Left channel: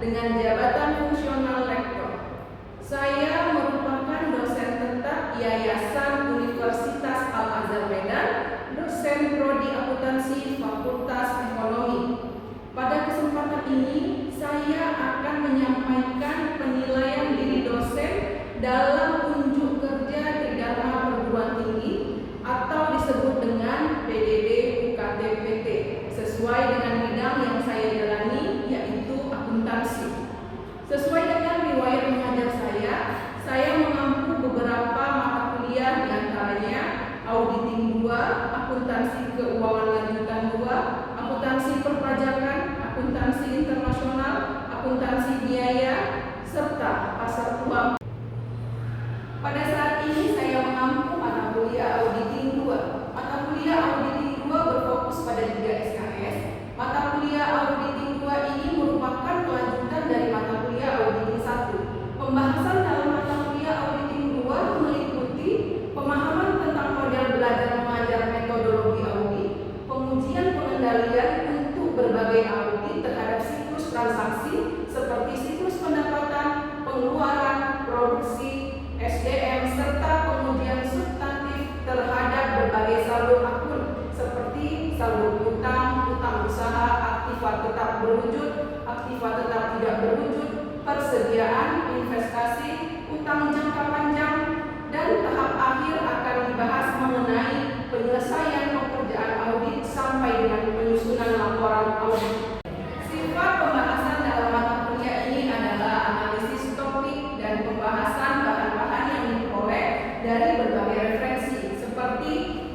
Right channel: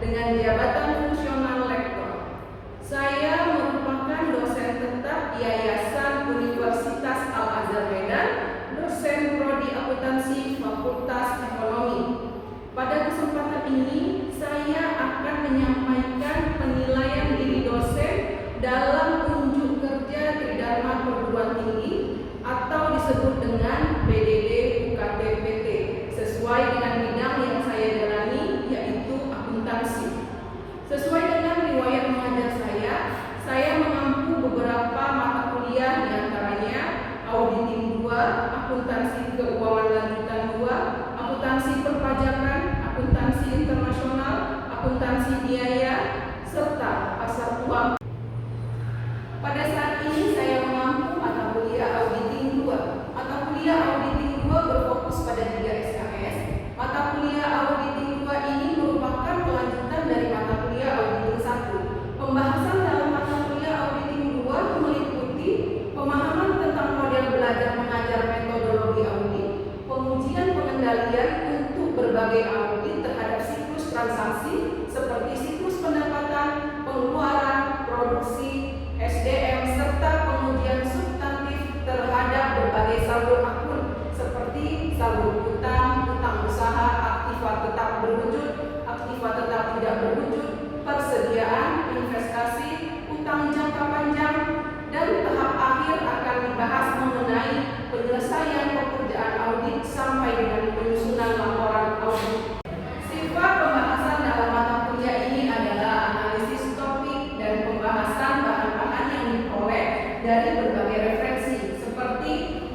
dengan jabatan fungsional lektor. Saya merupakan dosen tetap Yayasan Universitas Al-Azhar Medan, dosen Prodi Akuntansi Fakultas Ekonomi. Pada kesempatan ini, saya akan menyampaikan penilaian diri dosen dalam unjuk kerja Tridharma Perguruan Tinggi atau disebut dengan PDD UKT-PT sesuai dengan bidang yang saya jalani, yaitu akuntansi. Sesuai dengan riwayat mengajar saya mengampu beberapa mata kuliah, diantaranya Auditing 2, Akuntansi Keuangan Lanjutan 2, Akuntansi Perpajakan, Akuntansi Internasional, Akuntansi Biaya, serta Pasar Uang. Pada saat ini saya mengampu mata kuliah Auditing 2. Mata kuliah Auditing 2 berfokus pada 3 SKS. Mata kuliah Auditing 2 ini merupakan kelanjutan dari mata kuliah Auditing 1. Pembahasan dalam mata kuliah Auditing 2 meliputi pemahaman tentang model belajar mengajar metodologi audit, pengujian pengendalian untuk berbagai audit terhadap siklus transaksi seperti siklus pendapatan, pengeluaran, produksi, SDM, serta pengujian substantif terhadap berbagai saldo akun seperti saldo utang, utang usaha, aktiva tetap berwujud, aktiva tetap tidak berwujud, persediaan, investasi, utang jangka panjang, dan tahap akhir akan dibahas mengenai penyelesaian pekerjaan audit sampai dengan penyusunan laporan audit. Sifat pembahasan dalam mata kuliah ini adalah analisis topik dan pembahasan bahan-bahan yang diperoleh dari berbagai referensi seperti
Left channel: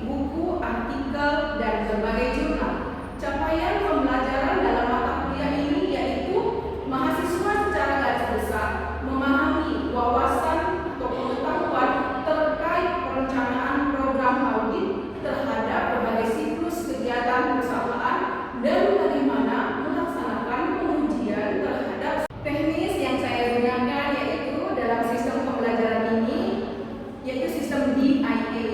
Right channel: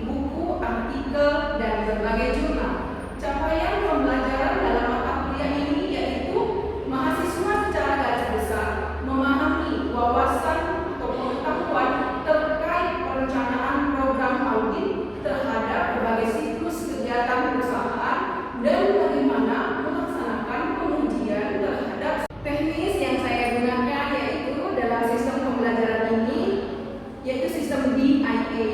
buku, artikel, dan berbagai jurnal. Capaian pembelajaran dalam mata kuliah ini yaitu mahasiswa secara garis besar memahami wawasan atau pengetahuan terkait perencanaan program audit terhadap berbagai siklus kegiatan perusahaan dan bagaimana melaksanakan pengujian terhadap teknis yang saya gunakan yaitu dalam sistem pembelajaran ini yaitu sistem DIA,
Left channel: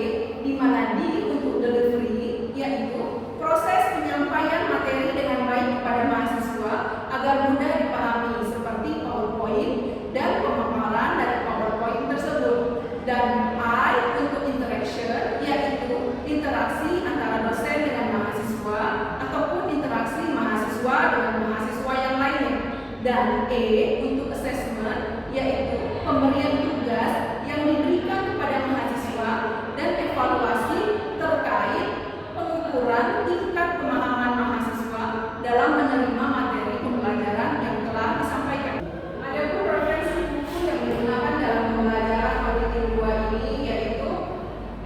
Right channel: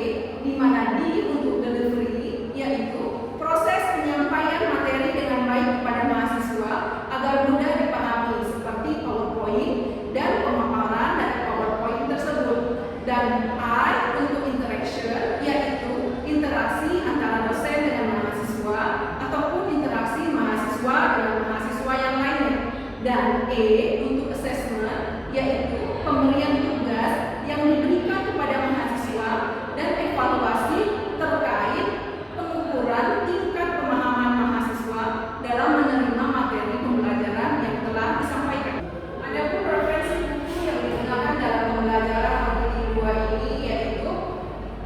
di mana D untuk delivery yaitu proses penyampaian materi dengan baik kepada mahasiswa agar mudah dipahami seperti PowerPoint dan pemaparan dari PowerPoint tersebut, dan I untuk interaction yaitu interaksi antara dosen dengan mahasiswa ataupun interaksi mahasiswa dengan mahasiswa yang lainnya, dan E untuk assessment yaitu pemberian tugas yang diberikan kepada mahasiswa dan evaluasi terkait pengukuran tingkat pemahaman mahasiswa dalam menerima materi pembelajaran yang telah disampaikan. Adapun referensi buku yang digunakan dalam pembelajaran Auditing 2 ini yaitu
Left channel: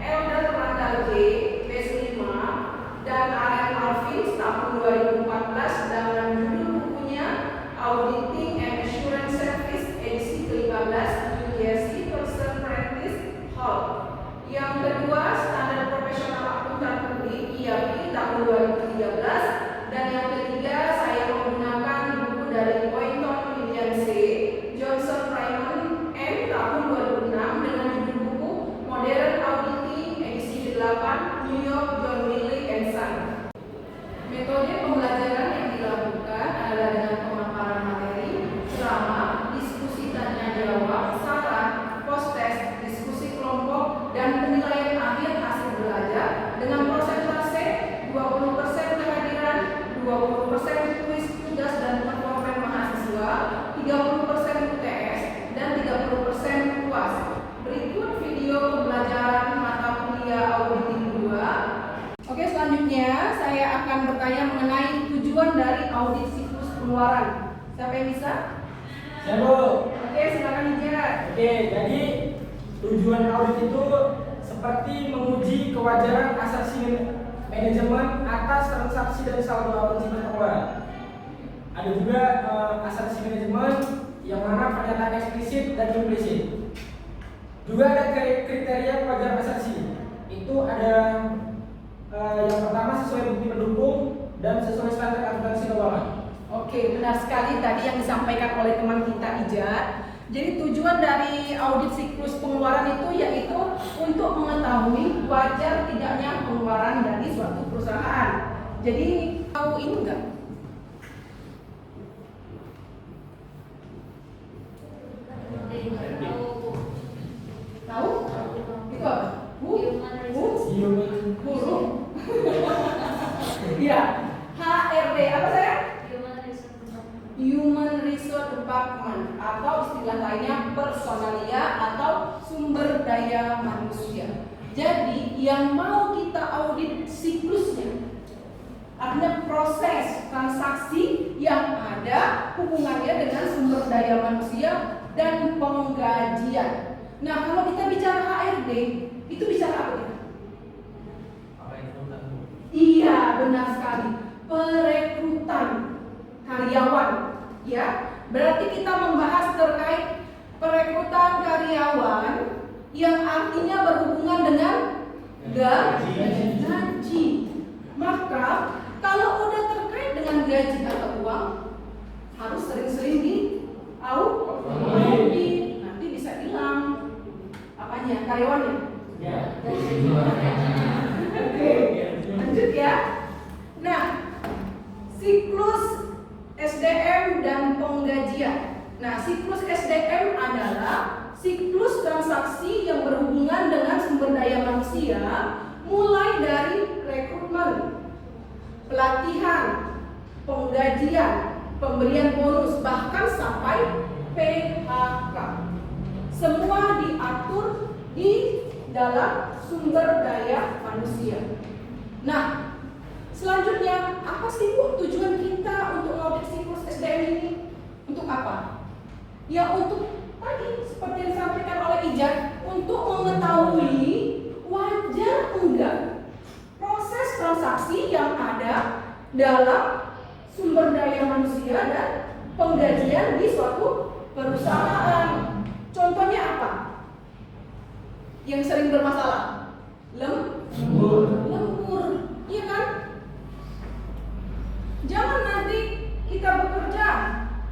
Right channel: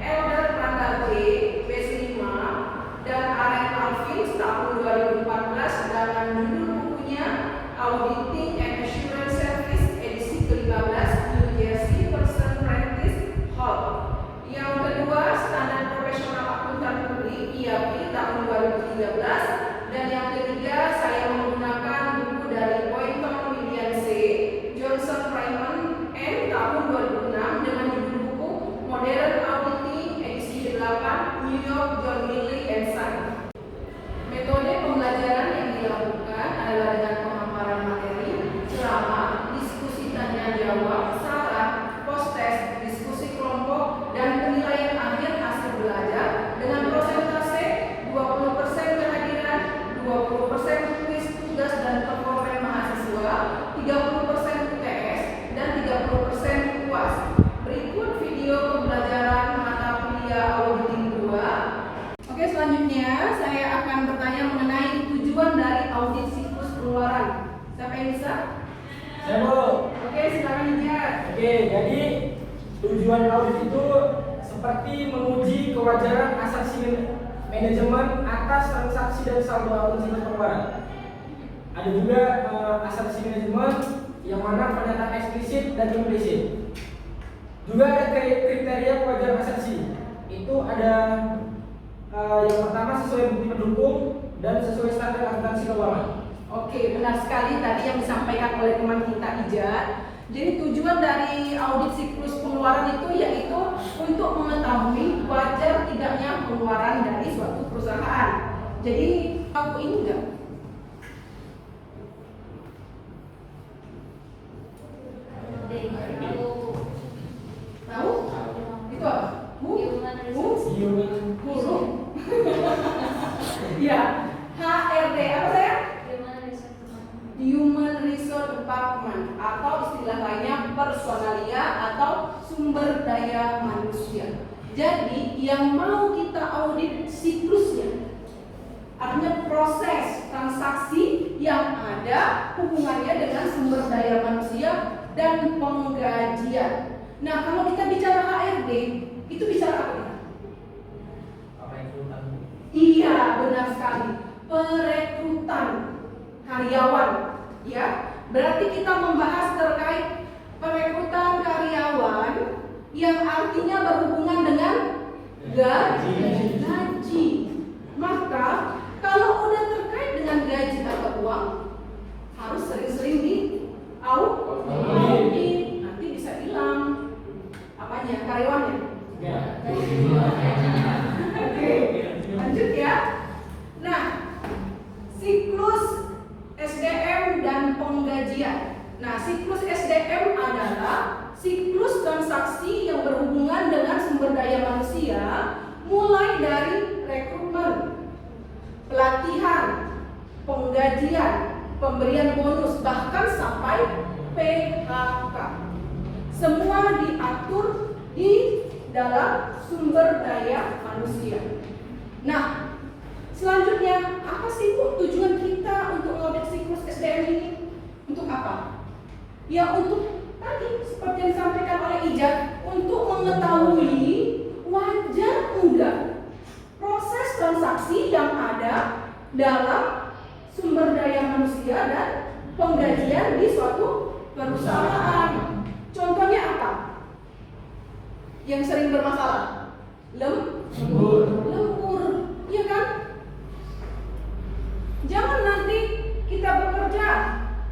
Elder Randall J, B5, dan Aren Alvin tahun 2014 dengan judul bukunya Auditing and Assurance Service edisi ke-15 New Jersey Person Practice Hall. Yang kedua, Standar Profesional Akuntan Publik IAP tahun 2013, dan yang ketiga saya menggunakan buku dari Poynton William C, Johnson Raymond N tahun 2006 dengan judul buku Modern Auditing edisi 8 New York John Milley and Son. Metode pembelajaran yang dilakukan adalah dengan pemaparan materi, ceramah, diskusi tanya jawab, saran, post-test, diskusi kelompok, dan penilaian akhir hasil belajar dengan persentase 20% kehadiran, 20% kuis tugas dan performa mahasiswa, 30% UTS, dan 30% UAS. Berikut video pembelajaran mata kuliah Auditing 2. Oke, selanjutnya saya akan bertanya mengenai tujuan dari audit siklus pengeluaran. Siapa yang bisa? Ya, Bu. Oke, silakan Ijat. Oke, jadi tujuan audit itu seperti menguji kewajaran asasi manajemen atas transaksi dan saldo akun siklus pengeluaran. Ada juga asasi manajemen yang mana pernyataan eksplisit dan implisit. Juga ada kriteria kewajaran asasi. Itu ada yang pertama sesuai bukti pendukung dan sesuai standar akuntansi keuangan. Oke, benar sekali tadi yang disampaikan oleh teman kita Ijat. Jadi tujuan dari audit siklus pengeluaran itu yaitu untuk mengetahui wajar tidaknya pengeluaran dari suatu perusahaan. Jadi tahu ini enggak? Guru. Ya, HRD apa saya? Human Resource Department atau istilah lainnya personalia atau sumber daya manusia. Jadi yang mau kita audit siklusnya, artinya proses transaksi yang ada hubungannya dengan sumber daya manusia dan penggajian. Nah, kalau kita bicara HRD, itu bicara apa kita? Iya, benar sekali. Perekrutan karyawan, ya. Berarti kita membahas terkait perekrutan karyawan yang artinya berhubungan dengan gaji. Maka kalau udah terkait dengan gaji atau uang, harus sering-sering audit. Nanti bisa hilang apanya, karyawannya. Oke, lanjut ya. Nah, siklus SDM dan penggajian. Nah, siklus SDM adalah siklus transaksi yang berhubungan dengan sumber daya manusia, mulai dari rekrutmen, pelatihan, penggajian, pemberian bonus, bahkan sampai PHK. Semua diatur di dalam sumber daya manusia. Nah, selanjutnya, apa sih Bu tujuan kita untuk audit siklus SDM ini? Untuk apa? Ya untuk tadi seperti yang disampaikan oleh Ijaz, untuk mengetahui wajar enggak proses transaksi yang ada dalam sumber daya manusia dan penggajian di suatu perusahaan. Contohnya apa? Yang sering bermasalah? Lembur, iya kan? Jangan nanti kita bekerja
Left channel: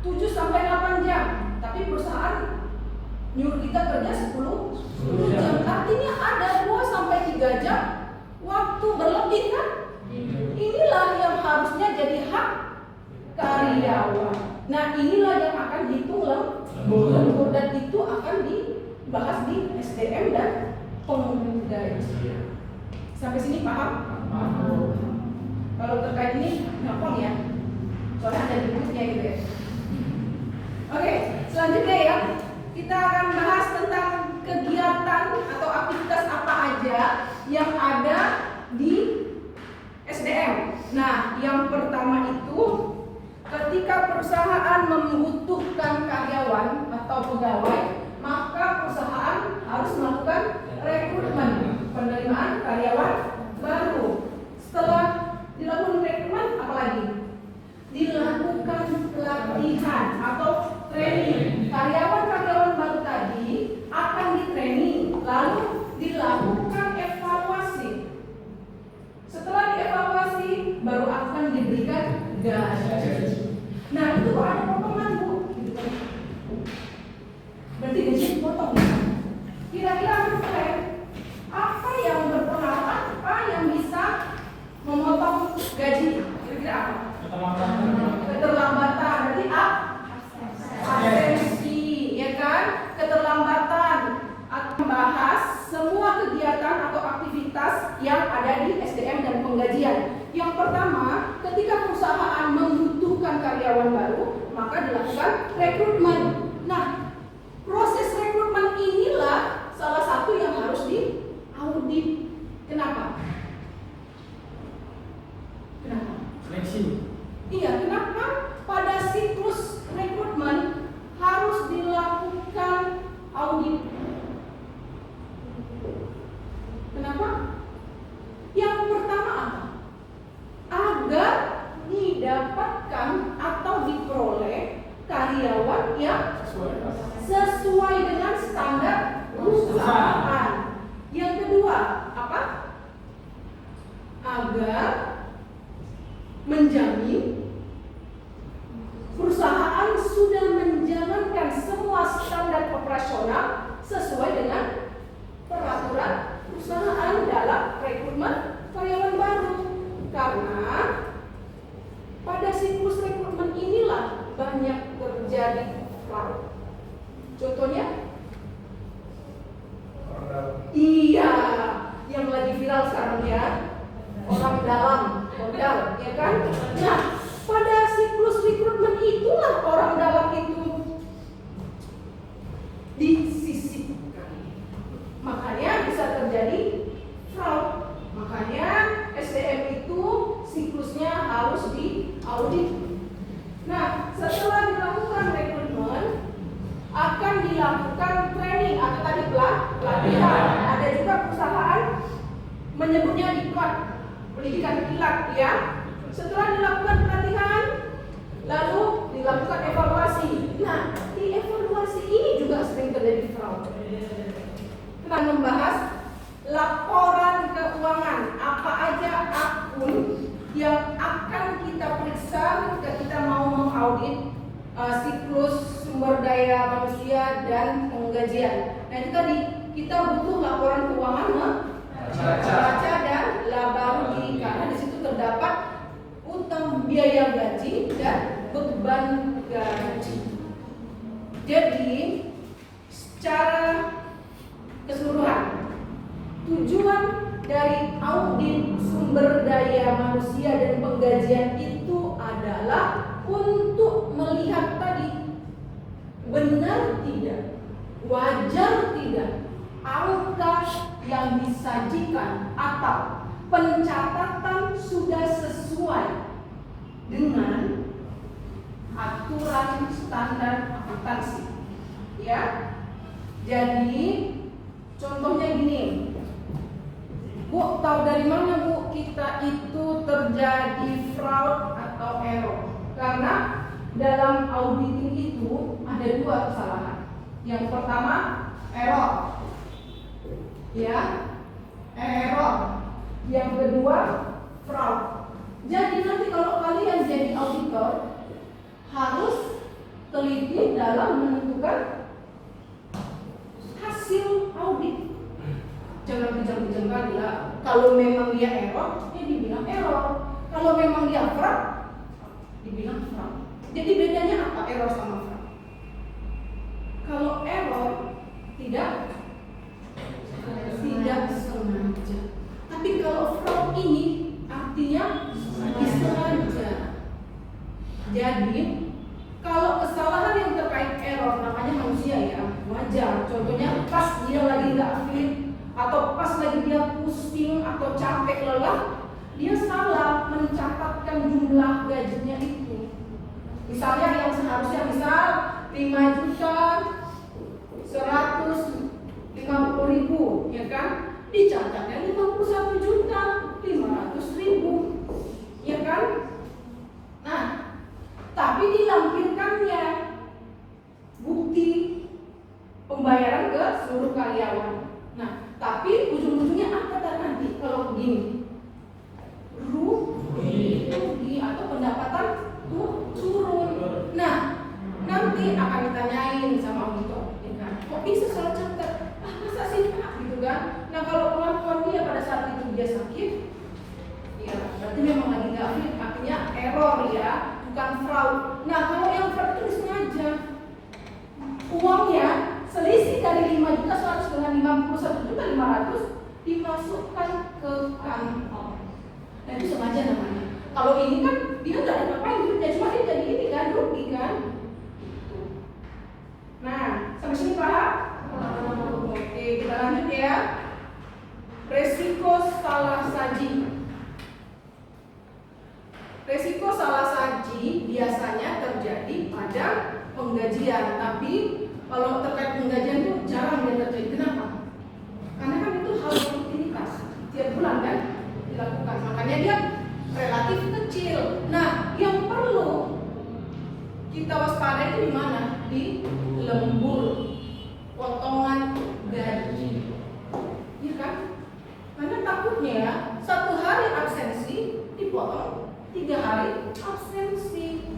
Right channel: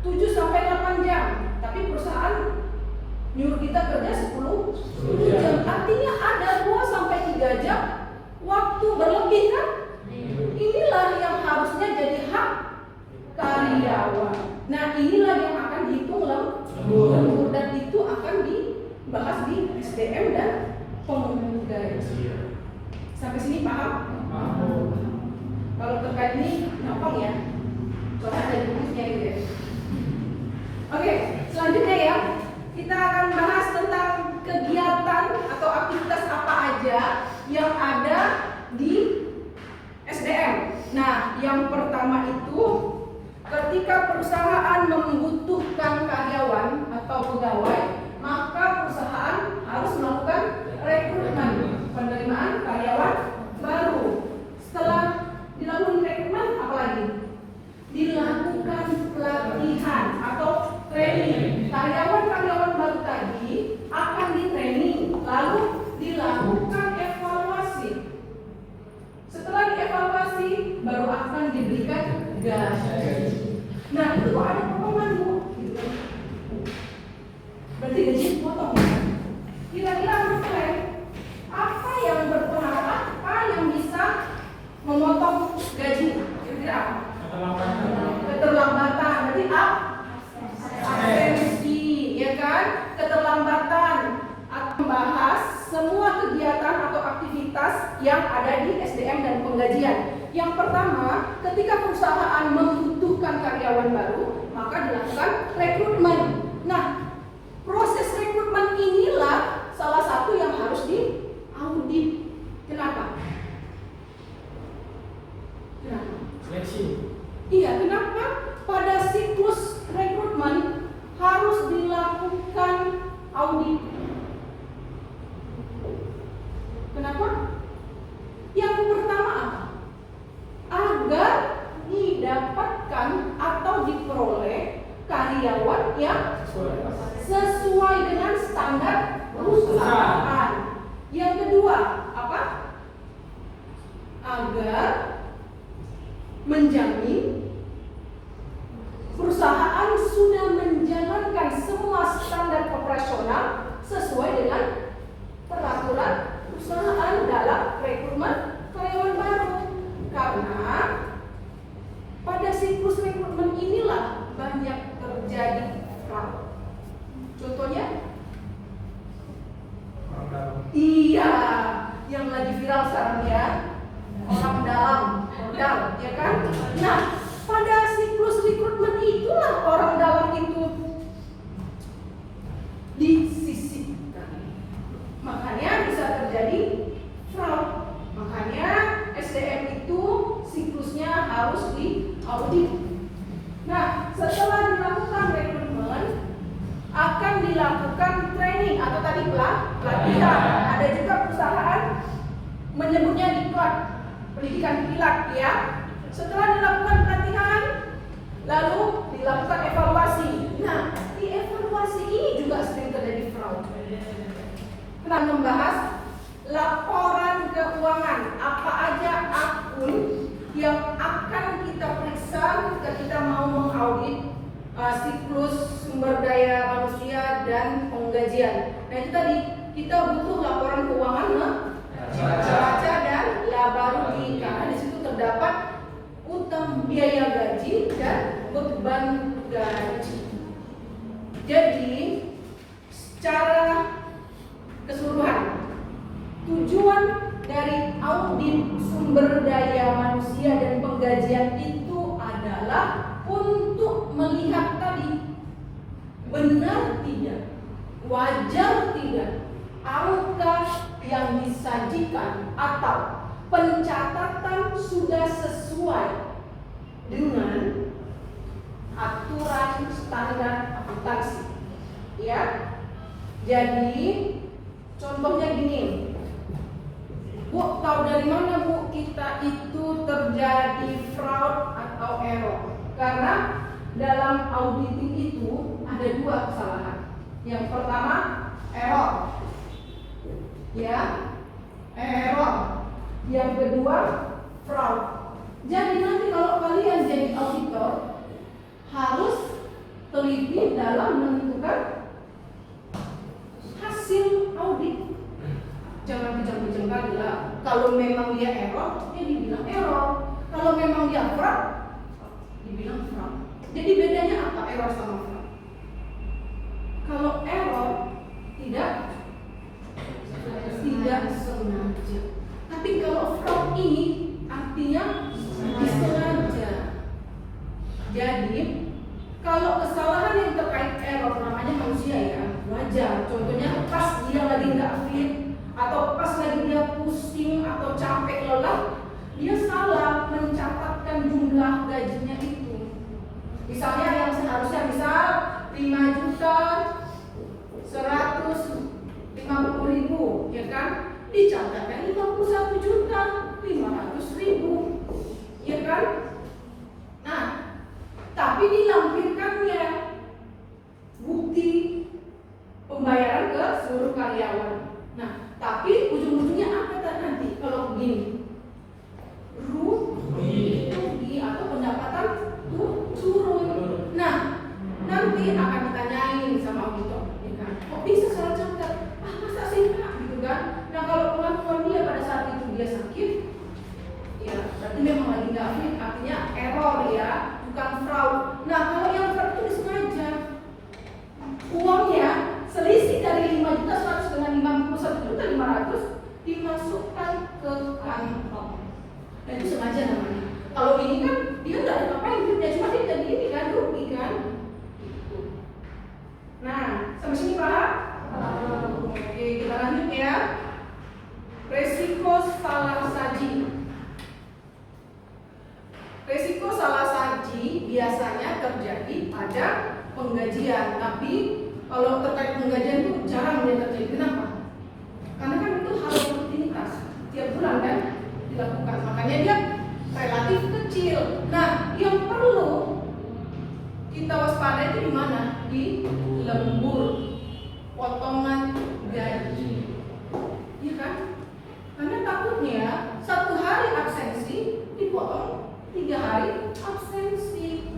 7 sampai 8 jam, tapi perusahaan nyuruh kita kerja 10 jam. Artinya ada 2 sampai 3 jam waktu berlebih kan? Inilah yang harusnya jadi hak karyawan. Nah, inilah yang akan dihitung lembur dan itu akan dibahas di SDM dan penggajian. Sampai sini paham? Kalau terkait ini gampang ya, soalnya ada di bukunya gitu ya. Oke, selanjutnya ya, kita akan bahas tentang kegiatan atau aktivitas apa aja yang ada di SDM. Nah, yang pertama itu ketika perusahaan membutuhkan karyawan atau pegawai, maka perusahaan harus melakukan rekrutmen, penerimaan karyawan baru. Setelah dilakukan rekrutmen, apalagi dilakukan pelatihan atau training. Karyawan-karyawan baru tadi akan di-training, lalu dilakukan evaluasi. Setelah dievaluasi, baru akan diberikan gaji. Nah, itu ada potongan Bu. Berarti gaji dipotong. Kira-kira menurut apa yang berpengaruh, apa yang bisa memotong gaji? Kira-kira apa? Keterlambatan. Berarti absensi, ya kan? Keterlambatan. Membahas semua kegiatan atau aktivitas yang ada di SDM dan penggajian. Yang pertama, ketika perusahaan membutuhkan karyawan baru, maka dilakukan rekrutmen. Nah, proses rekrutmen inilah salah satu yang harus diaudit. Kenapa? Seleksi. Iya, kenapa pada siklus rekrutmen harus dilakukan audit? Kenapa? Yang pertama apa? Agar didapatkan atau diperoleh karyawan yang sesuai dengan standar perusahaan. Yang kedua, apa? Agar menjamin perusahaan sudah menjalankan semua standar operasional sesuai dengan peraturan perusahaan dalam rekrutmen karyawan baru. Karena pada siklus rekrutmen inilah banyak terjadi fraud. Contohnya? Iya, yang lagi viral sekarang ya, orang dalam modal, ya kan? Nah, pada siklus rekrutmen itulah orang dalam itu disisipkan. Makanya bisa terjadi fraud. Makanya SDM itu siklusnya harus diaudit. Nah, setelah dilakukan rekrutmen, akan dilakukan training atau tadi pelatihan. Ada juga perusahaan menyebutnya diklat, pendidikan diklat ya. Setelah dilakukan pelatihan, lalu dilakukan evaluasi. Nah, di evaluasi ini juga sering terjadi fraud. Kita membahas laporan keuangan, apa aja akun yang akan kita periksa ketika kita mau mengaudit siklus sumber daya manusia dan penggajian. Nah itu tadi kita butuh laporan keuangan neraca dan laba rugi karena di situ terdapat utang biaya gaji dan beban gaji. Jadi secara keseluruhan tujuan dari audit sumber daya manusia dan penggajian itu adalah untuk melihat tadi benar tidak, wajar tidak angka yang disajikan atau pencatatan sudah sesuai dengan aturan standar akuntansi. Ya, jadi contohnya gini, Bu, tahu dari mana Bu kita itu terjadi fraud atau error? Karena dalam auditing itu ada dua kesalahan. Yang pertama error, ya, error. Yang kedua fraud. Jadi nanti kalau kalian jadi auditor harus teliti dalam menentukan hasil audit. Jangan kejam-kejam kali lah. Kalau memang dia error, ya dibilang error. Kalau memang dia fraud, dibilang fraud. Jadi bedanya apa error sama fraud? Kalau error tidak sengaja. Tapi kalau fraud ini artinya disengaja. Jadi kalau kesalahan yang terkait error namanya manusia ya, wajar. Contohnya pas dia lagi nggak fit atau pas lagi dia pusing atau capek lelah, dia salah mencatatkan jumlah gajinya itu. Misalnya yang seharusnya misal 5.150.000, ya kan? Dicatatkan 51.500.000, ya kan? Nah, tapi dilampirkannya bukti pembayaran ke seluruh karyawan. Nah, tapi ujung-ujungnya apa nanti kalau begini? Rugi atau pendapatan turun. Nah, nanti akan ditanyain sama auditor, ya kan? Kok bisa salah catat? Masa sih Pak? Gitu kan? Nah, kalau pengakuan dia pada saat itu dia sakit, ya berarti memang lagi nggak fit, artinya error ya, bukan fraud. Nah, kalau yang fraud itu disengaja, uangnya selisih dari 5.100 dengan 51.500 dimasukkan ke kantong. Nah, itu sengaja namanya. Kalau ini kan dia nggak ada ngapain duitnya, cuma dia jadi ini kan rugi kan. Nah, sampai sini paham? Oke, kita lanjut ya. Resiko salah saji. Resiko salah saji biasanya terjadi pada penggajian, tapi kalau terkait penggajian itu jarang dia terjadi. Kenapa? Karena kan itu hal rutinitas tiap bulan kan dilakukan, makanya dia relatif kecil. Nah, yang perlu kita waspada itu di mana? Di lembur, potongan gaji, ya kan? Karena takutnya 1 hari absensi dipotong 3 hari absensi,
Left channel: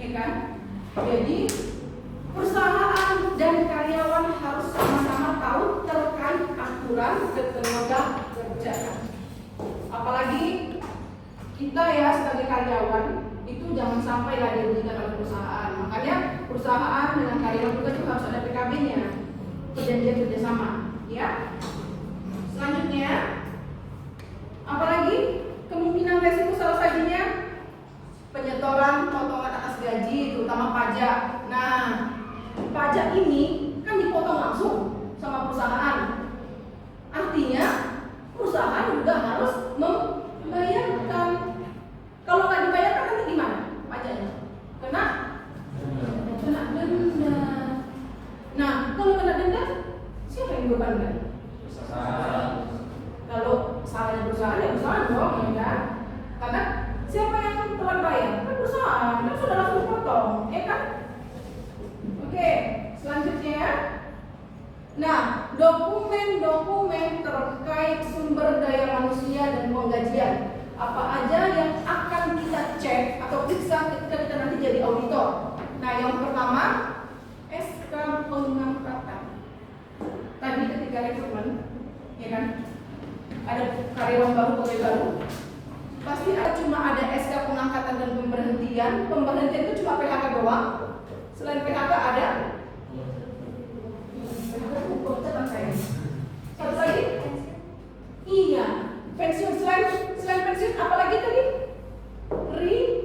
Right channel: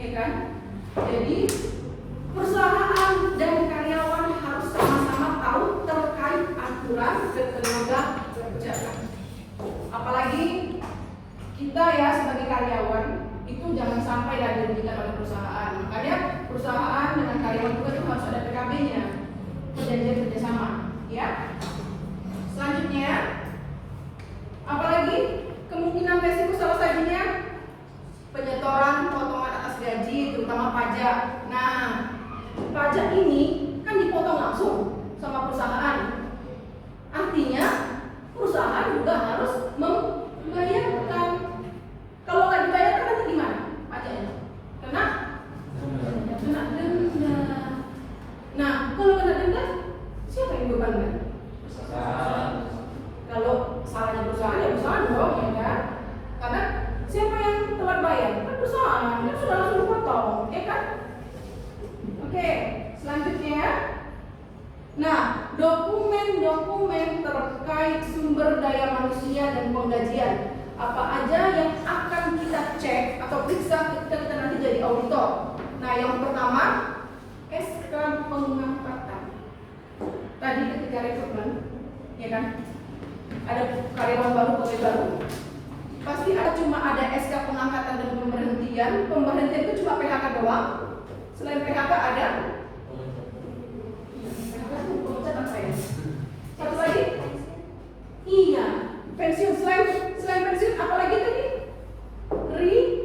ya kan? Jadi perusahaan dan karyawan harus sama-sama tahu terkait aturan ketenaga kerjaan. Apalagi kita ya sebagai karyawan itu jangan sampai lah dirugikan oleh perusahaan. Makanya perusahaan dengan karyawan juga itu harus ada PKB-nya, perjanjian kerjasama. Ya. Selanjutnya terutama pajak. Nah, pajak ini kan dipotong langsung sama perusahaan. Artinya perusahaan juga harus membayarkan. Kalau nggak dibayarkan nanti gimana pajaknya? Kena denda. Nah, kalau kena denda, siapa yang bebankan? Kalau salahnya perusahaan, ya perusahaan dong, ya kan? Karena siapa yang telat bayar? Kan perusahaan, kan sudah langsung dipotong, ya kan? Oke, selanjutnya. Nah, dokumen-dokumen terkait sumber daya manusia dan penggajian. Apa aja yang akan kita cek atau periksa ketika kita nanti jadi auditor? Nah, yang pertama, SK pengangkatan. Tadi ketika rekrutmen, ya kan? Ada karyawan baru, pegawai baru. Pasti cuma ada SK pengangkatan dan pemberhentian. Pemberhentian itu cuma PHK doang. Selain PHK ada satu lagi? Iya, pensiun. Selain pensiun, apa lagi tadi? Resign.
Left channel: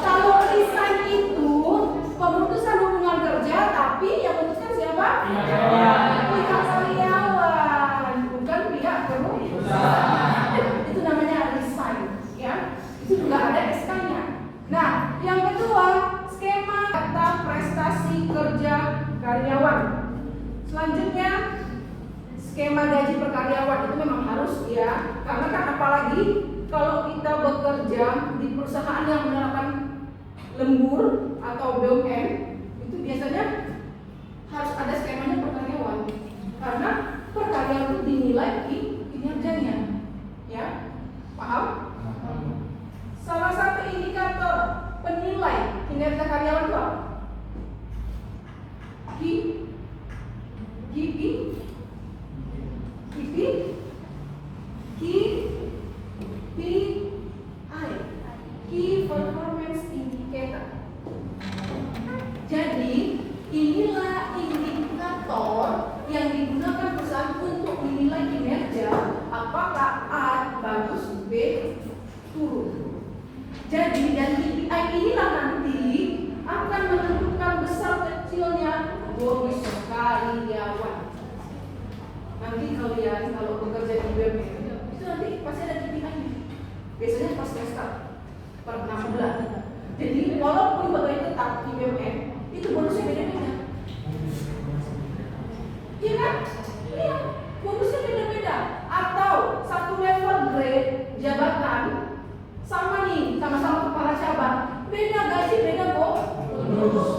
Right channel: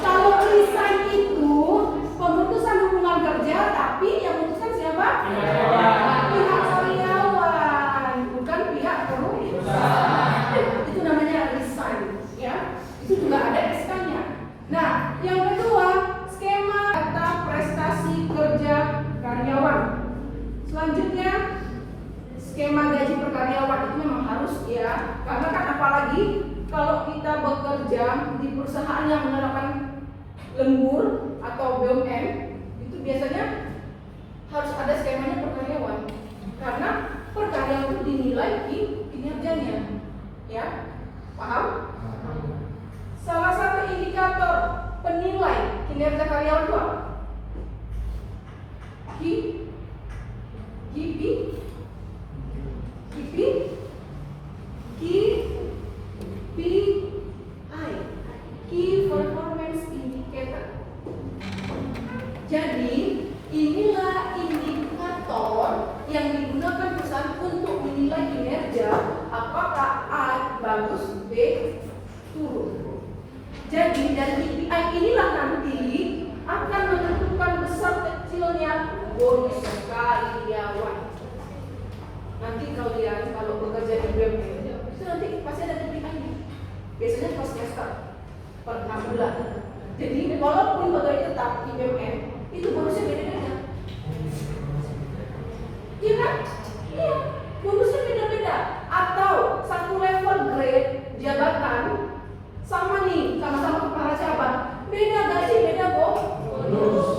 Kalau resign itu pemutusan hubungan kerja, tapi yang memutuskan siapa? Pihak karyawan, bukan pihak perusahaan. Itu namanya resign, ya. Itu juga ada SK-nya. Nah, yang kedua, skema data prestasi kerja karyawan. Selanjutnya, skema gaji per karyawan itu memang harus, ya. Karena kan apalagi kalau kita bekerja di perusahaan yang menerapkan lembur atau BUMN, itu biasanya harus ada skemanya per karyawan. Karena per karyawan itu dinilai di kinerjanya, ya. Paham? Salah satu indikator penilai kinerja karyawan itu apa? KPI, Key Performance Indicator. Jadi inilah indikator yang digunakan perusahaan untuk menilai kinerja, apakah A bagus, B turun. Jadi dari KPI inilah nanti akan menentukan besar kecilnya bonus karyawan. Nanti kalian kalau bekerja di BUMN itu nanti pasti ada KPI-nya. Biasanya pas semester per 6 bulan. Jadi walaupun pegawai tetap di BUMN itu bonusnya beda-beda. Iya kan? Iya, bonusnya beda-beda. Atau satu level grade jabatan sama nih, sama-sama kepala cabang, beda gaji, beda bonus.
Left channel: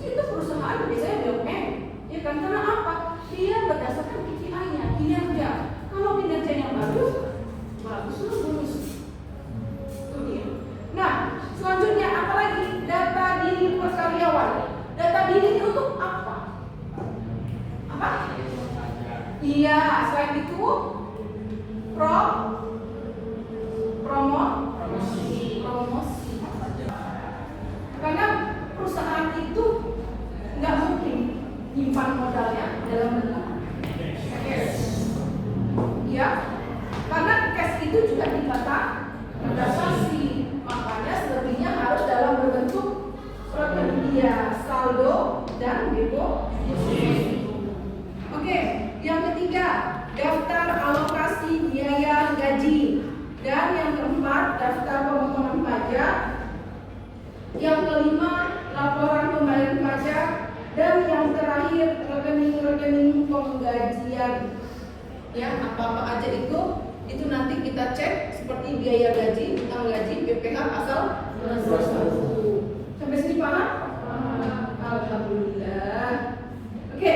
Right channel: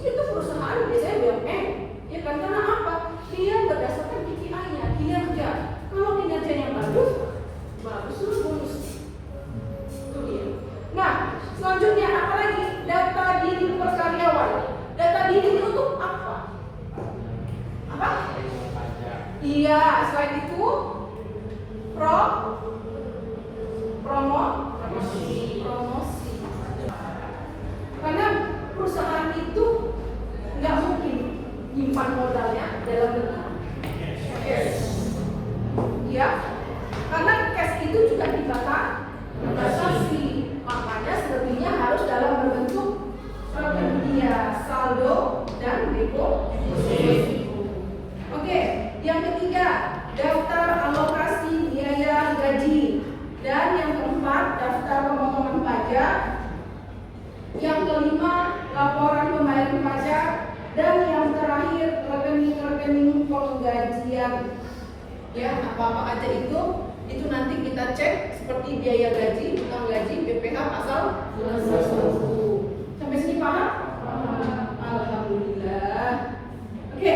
Itu perusahaan biasanya BUMN, ya kan? Karena apa? Dia berdasarkan KPI-nya, kinerja. Kalau kinerjanya bagus terus bonus. Itu dia. Nah, selanjutnya apa lagi? Data diri per karyawan. Data diri ini untuk apa? Apa? Iya, selain itu promosi. Karena perusahaan itu nggak mungkin nyimpan modalnya dalam bentuk cash. Ya, karena cash itu juga dibatasi. Makanya selebihnya harus dalam bentuk prakerja, saldo dan deposit. Oke, yang ketiga, daftar alokasi biaya gaji. Dan yang keempat, daftar pemotongan pajak. Yang kelima, laporan pembayaran pajak. Dan yang terakhir, rekening-rekening penggajian. Ya, apa-apa aja itu nanti kita cek seperti biaya gaji, utang gaji, BPH asal bulan 21. Sampai sini paham? Alhamdulillah. Oke,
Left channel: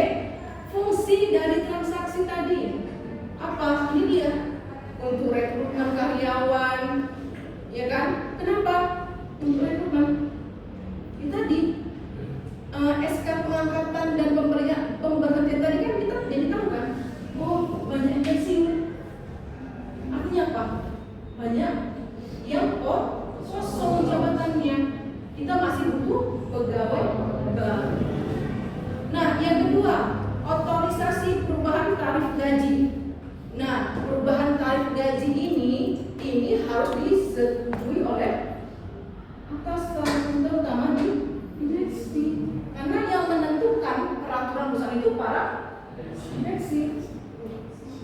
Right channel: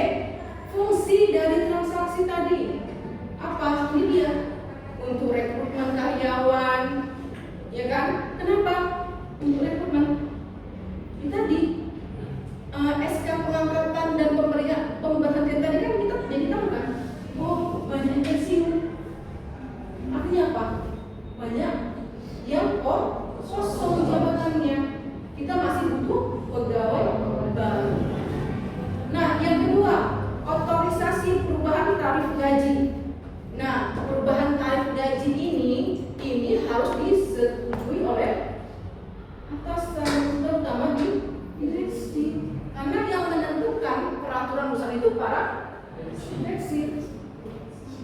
fungsi dari transaksi tadi apa? Ini dia. Untuk rekrutmen karyawan, ya kan? Kenapa? Untuk rekrutmen kita di SK pengangkatan dan pemberhentian tadi kan kita jadi tahu kan? Oh, banyak pensiun. Artinya apa? Banyak yang kosong jabatannya. Kita masih butuh pegawai baru. Nah, yang kedua, otorisasi perubahan tarif gaji. Nah, perubahan tarif gaji ini harus disetujui oleh atasan, terutama di direksi. Karena yang menentukan peraturan perusahaan itu para direksi.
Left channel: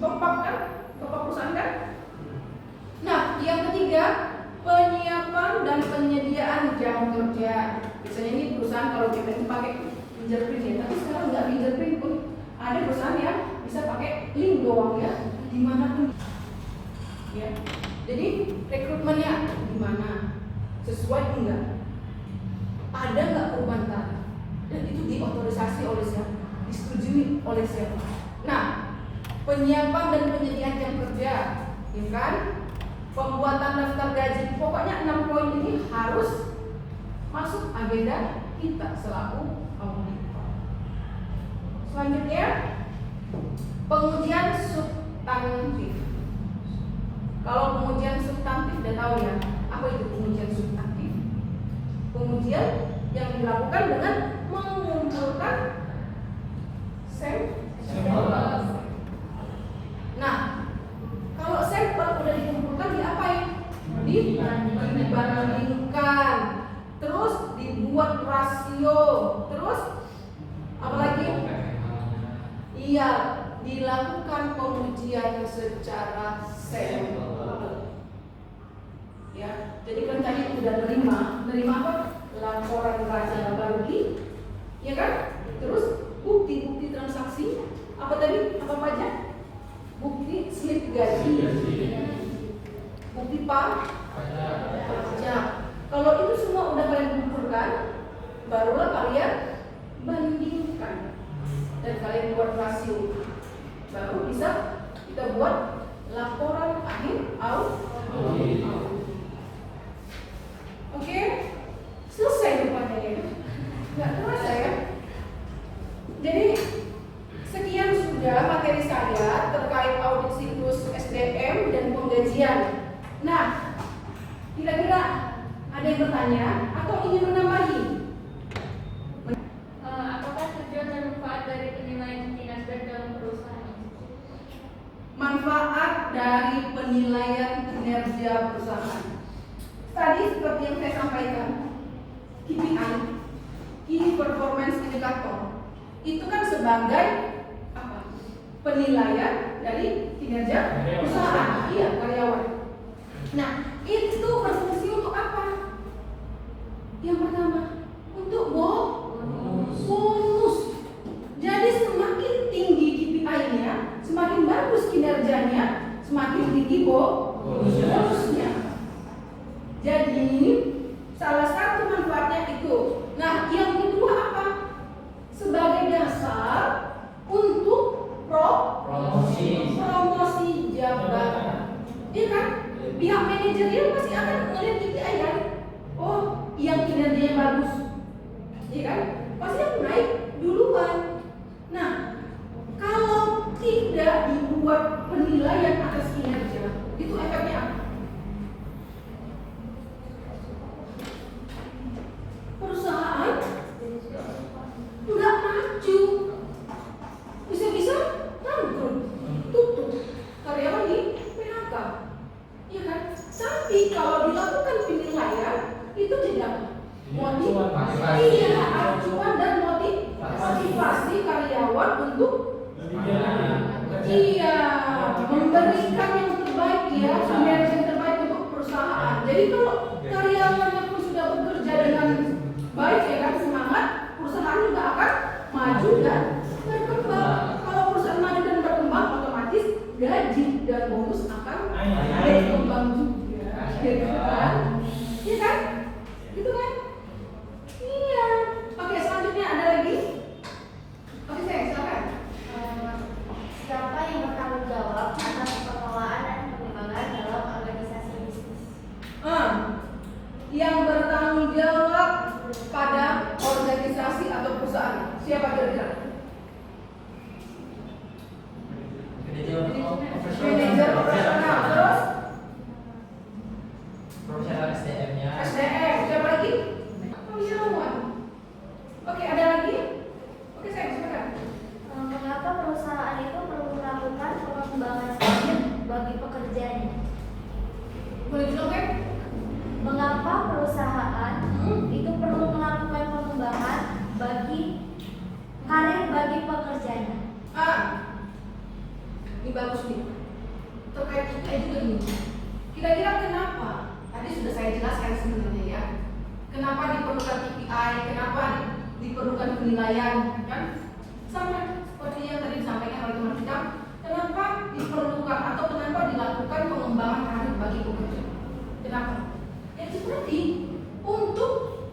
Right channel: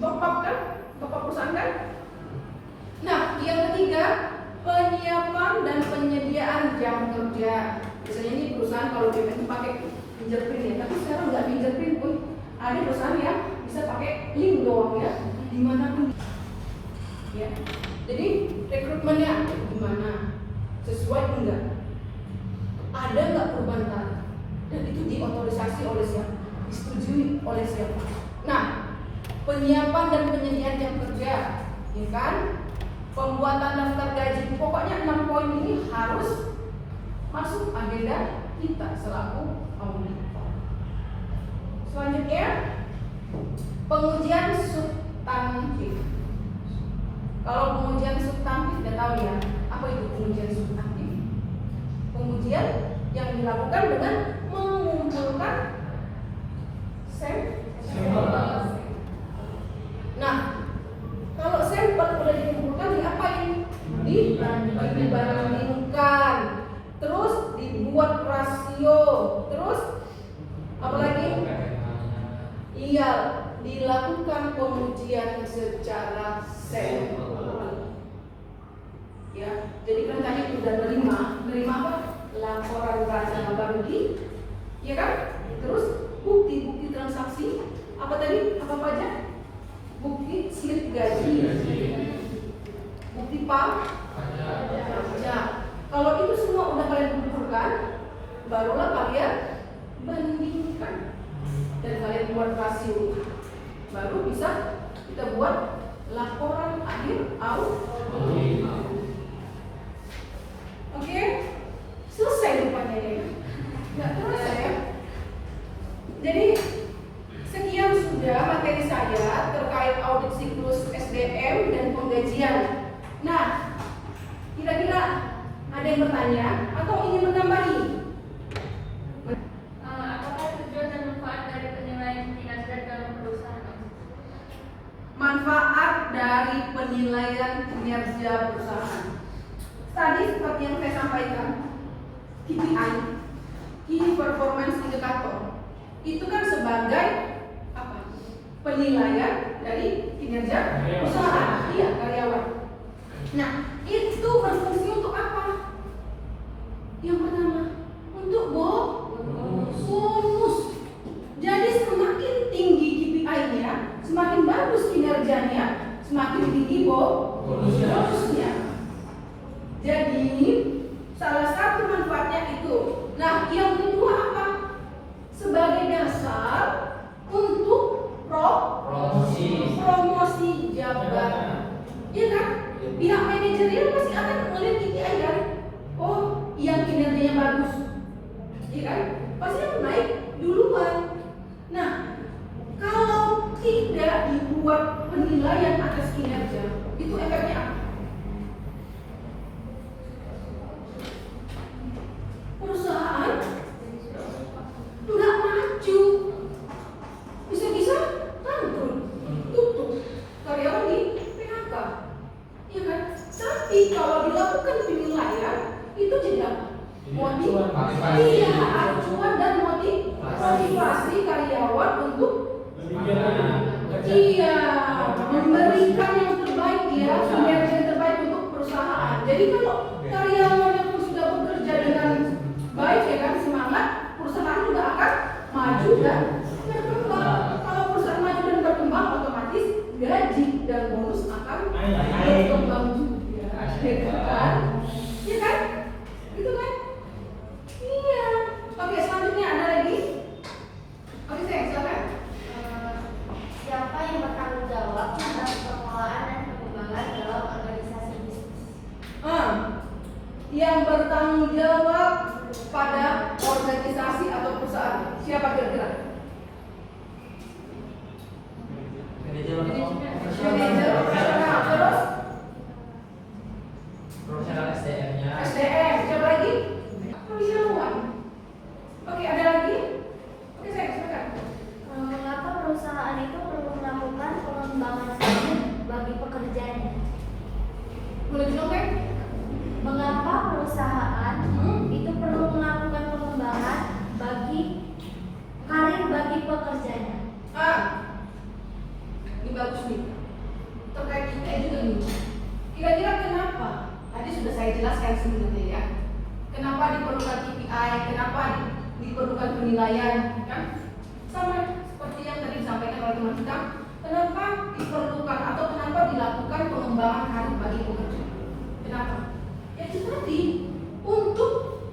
Bapak kan? Bapak perusahaan kan? Nah, yang ketiga, penyiapan dan penyediaan jam kerja. Biasanya ini perusahaan kalau BPN itu pakai fingerprint ya, tapi sekarang nggak fingerprint pun. Ada perusahaan yang bisa pakai link doang ya, dimanapun. Ya, jadi rekrutmennya gimana? Sesuai enggak? Ada nggak perubahan tarif? Dan itu diotorisasi oleh siapa? Disetujui oleh siapa? Nah, penyiapan dan penyediaan jam kerja, ya kan? Pembuatan daftar gaji, pokoknya 6 poin ini harus masuk agenda kita selaku auditor. Selanjutnya, pengujian substantif. Kalau pengujian substantif sudah tahu ya, apa itu pengujian substantif? Pengujian yang dilakukan dengan mengumpulkan sampel. Nah, kalau sampel udah dikumpulkan diapain? Dibandingkan, terus dibuat rasio, terus apa lagi? Iya, dilakukan pengujian secara sampel. Ya, jadi kan tadi udah nerima apa? Laporan raja laba rugi, ya kan? Terus bukti transaksi, apa tadi? Apa pajak? Bukti slip gaji, bukti pajak. Kalau itu semua udah kalian kumpulkan, barulah kalian bandingkan dan kalian buat rasio, baru bisa kita buat laporan akhir audit. Oke, selesai rupanya ya, nggak terasa ya. Jadi sekian sudah materi saya terkait audit siklus SDM dan penggajian. Nah, kira-kira ada yang bertanya atau ingin menambahi? Apakah tujuan dan manfaat dari penilaian kinerja dalam perusahaan? Manfaat dari penilaian kinerja perusahaan. Tadi seperti yang saya sampaikan, KPI, Key Performance Indicator, itu kan sebagai apa? Penilaian dari kinerja perusahaan, iya karyawan. Nah, itu berfungsi untuk apa? Yang pertama, untuk bonus. Jadi semakin tinggi KPI-nya, semakin bagus kinerjanya, semakin tinggi bonusnya. Jadi salah satu manfaatnya itu. Nah, yang kedua apa? Sebagai dasar untuk promosi jabatan. Iya kan? Pihak manajerial pasti akan melihat KPI kan? Oh, yang kinerjanya bagus, iya kan? Pasti akan naik duluan. Nah, kalau tidak dibuat penilaian atas kinerja, itu efeknya apa? Perusahaan nggak maju, bisa-bisa bangkrut, tutup, karyawan di PHK, ya kan? Tapi kalau dilakukan penilaian, itu jadi apa? Iya, acuan dan motivasi karyawan untuk memberikan yang terbaik ya, kinerja yang terbaik untuk perusahaan. Jadi kalau karyawannya pun sudah bekerja dengan baik ya kan, semangat, perusahaan juga akan maju dan berkembang. Kalau perusahaan maju dan berkembang, otomatis gaji dan bonus akan berkembang juga, kan? Iya kan? Gitu kan? Iya. Oke, selanjutnya ada lagi? Oke, saya silakan. Siapa yang bertanggung jawab atas pengelolaan dan pengembangan dalam organisasi bisnis? Yang bertanggung jawab pada organisasi atau perusahaan, siapa kira-kira? Manajer operasional, terus profesional SDM-nya. SDM, siapa lagi? Profesional. Oke, ada lagi? Oke, saya silakan. Mengapa perusahaan itu KPI, kenapa diperlukan penilaian, kan? Sama seperti yang tadi disampaikan oleh teman kita, kenapa diperlukan atau kenapa dilakukan pengembangan karir bagi pekerja? Kenapa? Ya itu tadi untuk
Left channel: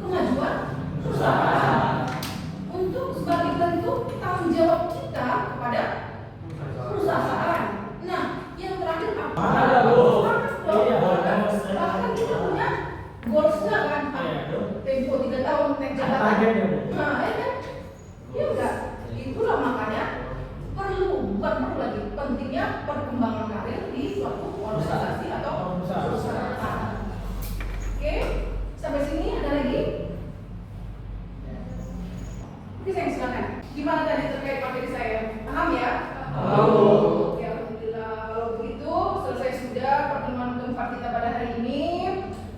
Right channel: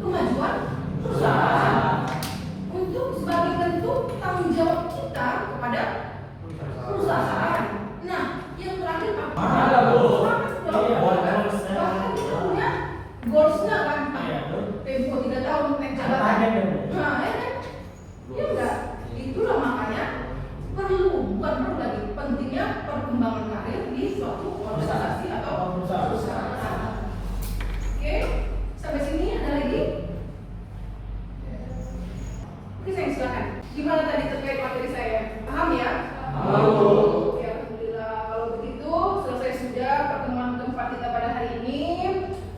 kemajuan perusahaan, untuk sebagai bentuk tanggung jawab kita kepada perusahaan. Nah, yang terakhir apa? Bahkan kita punya goalsnya kan, tempo 3 tahun naik jabatan. Nah, ya kan? Ya enggak. Itulah makanya bukan perlu lagi pentingnya perkembangan karir di suatu organisasi atau perusahaan. Oke, sampai sini ada lagi? Oke, saya silakan. Gimana tadi terkait materi saya? Paham ya? Oke, alhamdulillah. Kalau begitu selesai sudah pertemuan keempat kita pada hari ini.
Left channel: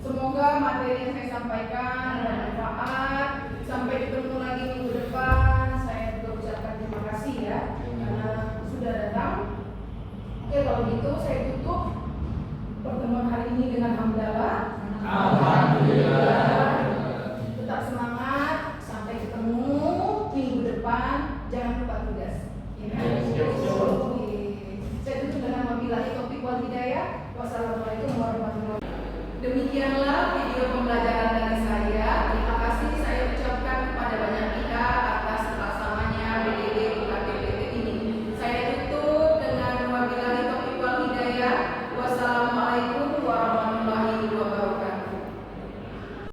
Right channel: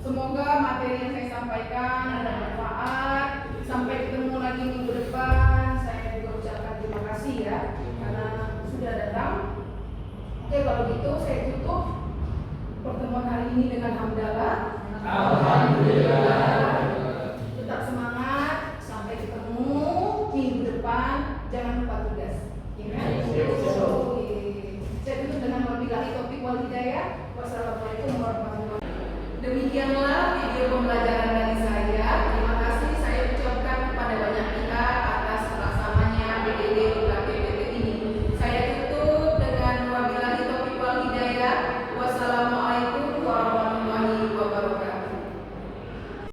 Semoga materi yang saya sampaikan bermanfaat. Sampai ketemu lagi minggu depan. Saya juga ucapkan terima kasih ya karena sudah datang. Oke, kalau gitu saya tutup pertemuan hari ini dengan hamdalah. Alhamdulillah. Tetap semangat. Sampai ketemu minggu depan. Jangan lupa tugas.